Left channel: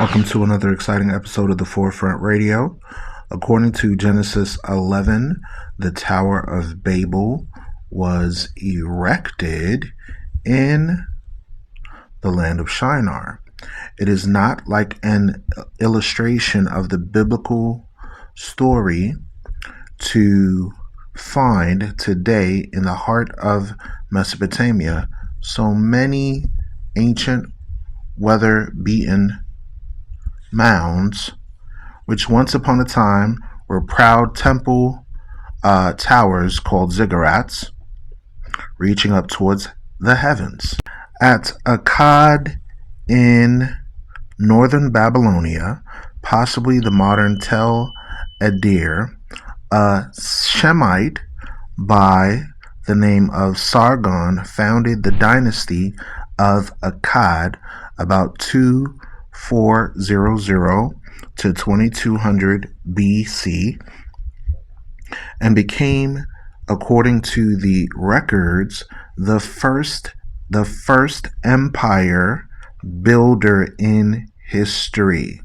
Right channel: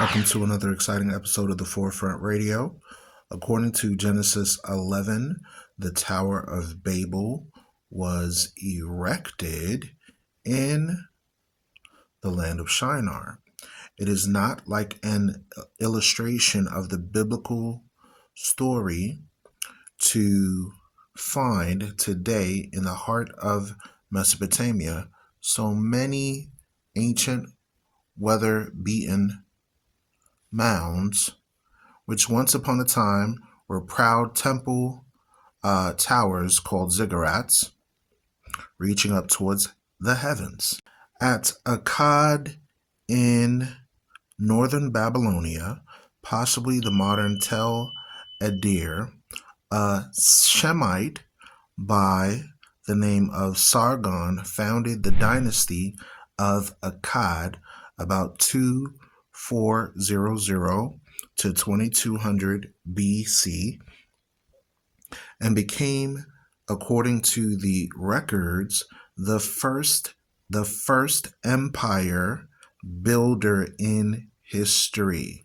Welcome to another exciting episode of the Forefront Radio. According to Genesis 11, the Tower of Babel was erected in the land of Shinar. It is not like an illustration of the biblical story to find today in the heart of Mesopotamia so many ancient, weather-beaten mounds, which once upon a time were proud temple towers called ziggurats, reaching up towards the heavens. At Akkad in northern Babylonia, possibly the modern Tel Adir, a Shemite by the name of Sargon founded the dynasty of Akkad about 2400 to 2200 BC and became, according to the records, the first empire builder in history.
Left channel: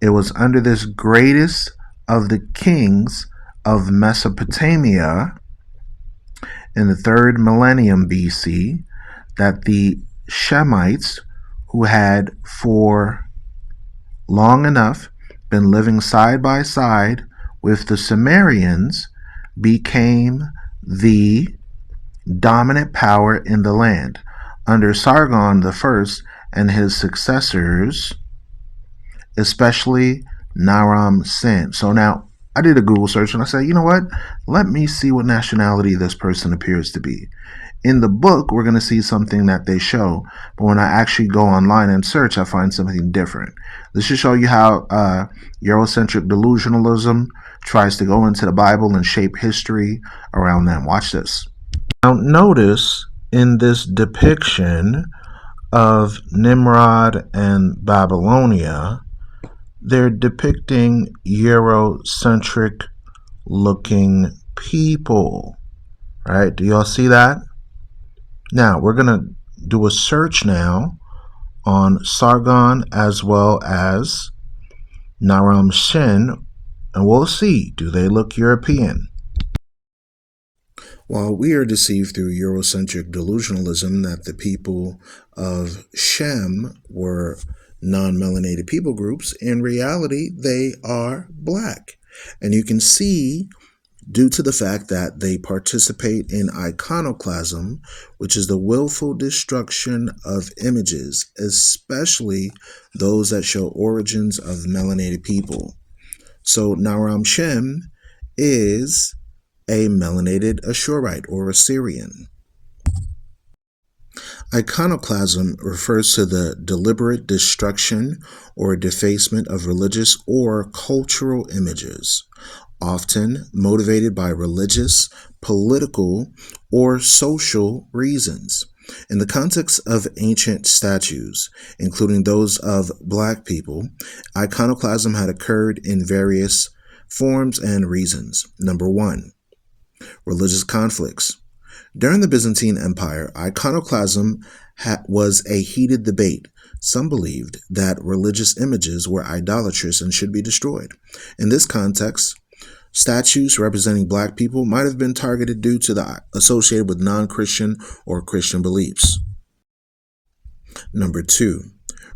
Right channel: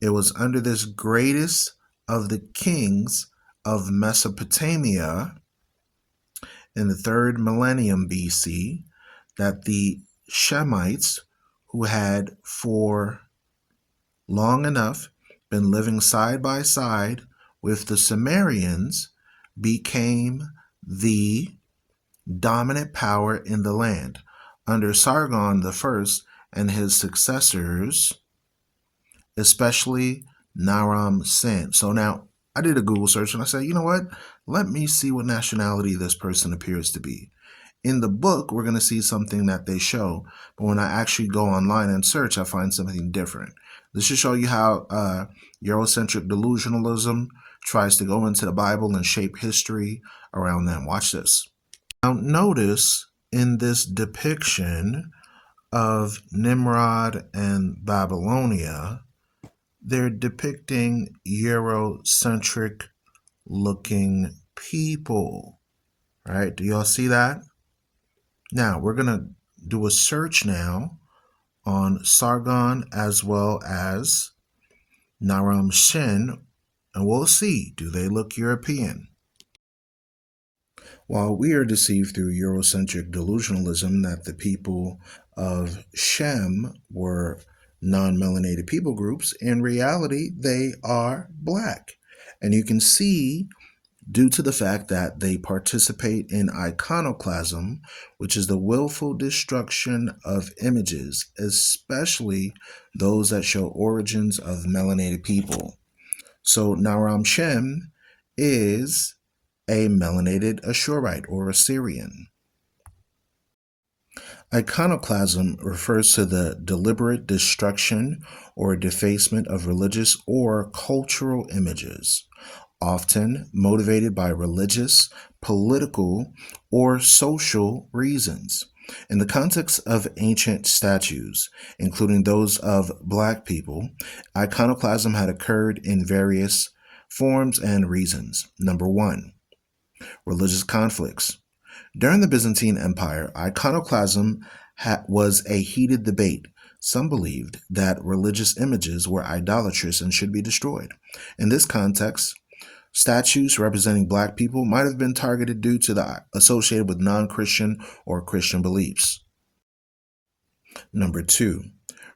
It was under this greatest of the kings of Mesopotamia in the 3rd millennium BC that the Shemites, who had for long enough been living side by side with the Sumerians, became the dominant power in the land under Sargon I and his successors, especially Naram Sin. So now I did a Google search and I said, you know what? Let me see what nationality this person appears to be. In the book, we're going to see something that they show, but when I actually go online and search, I find something different. This should show you how Eurocentric delusionalism tries to go into the Bible and shape history around them. Watch this. Now, notice in this depiction of Nimrod and Babylonia, they're depicting Eurocentric looking people, right? Do y'all see that? Now, we're going to do a search now on Sargon as well as Naram Sin, and we'll see, do they look European? While we are deceived through Eurocentric delusionalism that the people of Shem were non-melanated people groups, in reality, they are black. And you can see, due to the fact that they participate in iconoclasm, which is the willful destruction of images, especially those that show origins of melanated people. So Naram Shem is a melanated Ashurite or Assyrian. Iconoclasm refers to the deliberate destruction or defacement of religious or cultural images, often motivated by religious, political, or social reasons. In the context of ancient statues, including those of black people, iconoclasm had occurred in various forms and reasons. Number 1, religious conflicts. During the Byzantine Empire, iconoclasm was a heated debate. Some believed that religious images were idolatrous and should be destroyed. In this context, statues representing black people might have been targeted due to the associated with non-Christian or Christian beliefs. Number 2,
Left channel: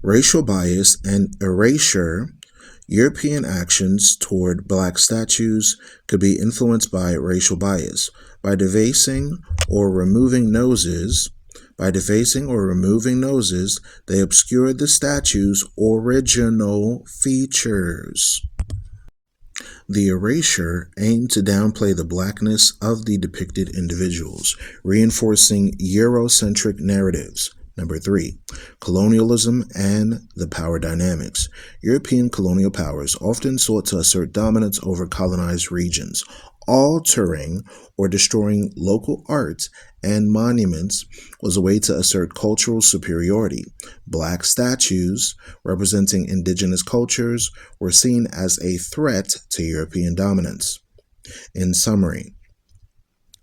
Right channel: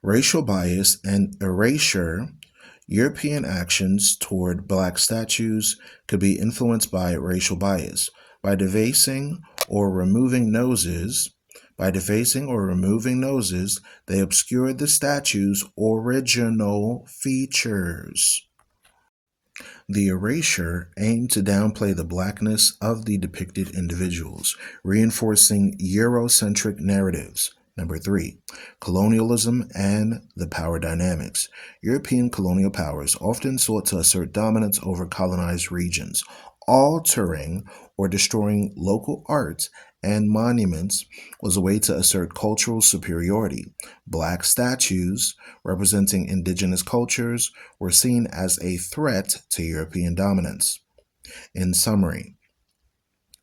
racial bias and erasure. European actions toward black statues could be influenced by racial bias. By defacing or removing noses, they obscured the statue's original features. The erasure aimed to downplay the blackness of the depicted individuals, reinforcing Eurocentric narratives. Number 3, colonialism and the power dynamics. European colonial powers often sought to assert dominance over colonized regions, altering or destroying local art and monuments was a way to assert cultural superiority. Black statues representing indigenous cultures were seen as a threat to European dominance. In summary,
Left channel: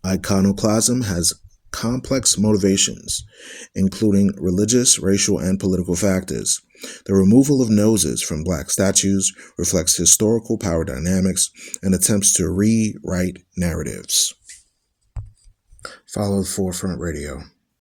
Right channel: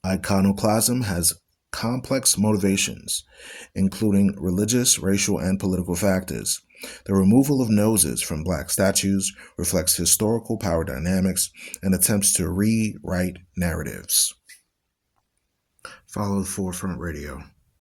iconoclasm has complex motivations, including religious, racial, and political factors. The removal of noses from black statues reflects historical power dynamics and attempts to rewrite narratives. Follow Forefront Radio.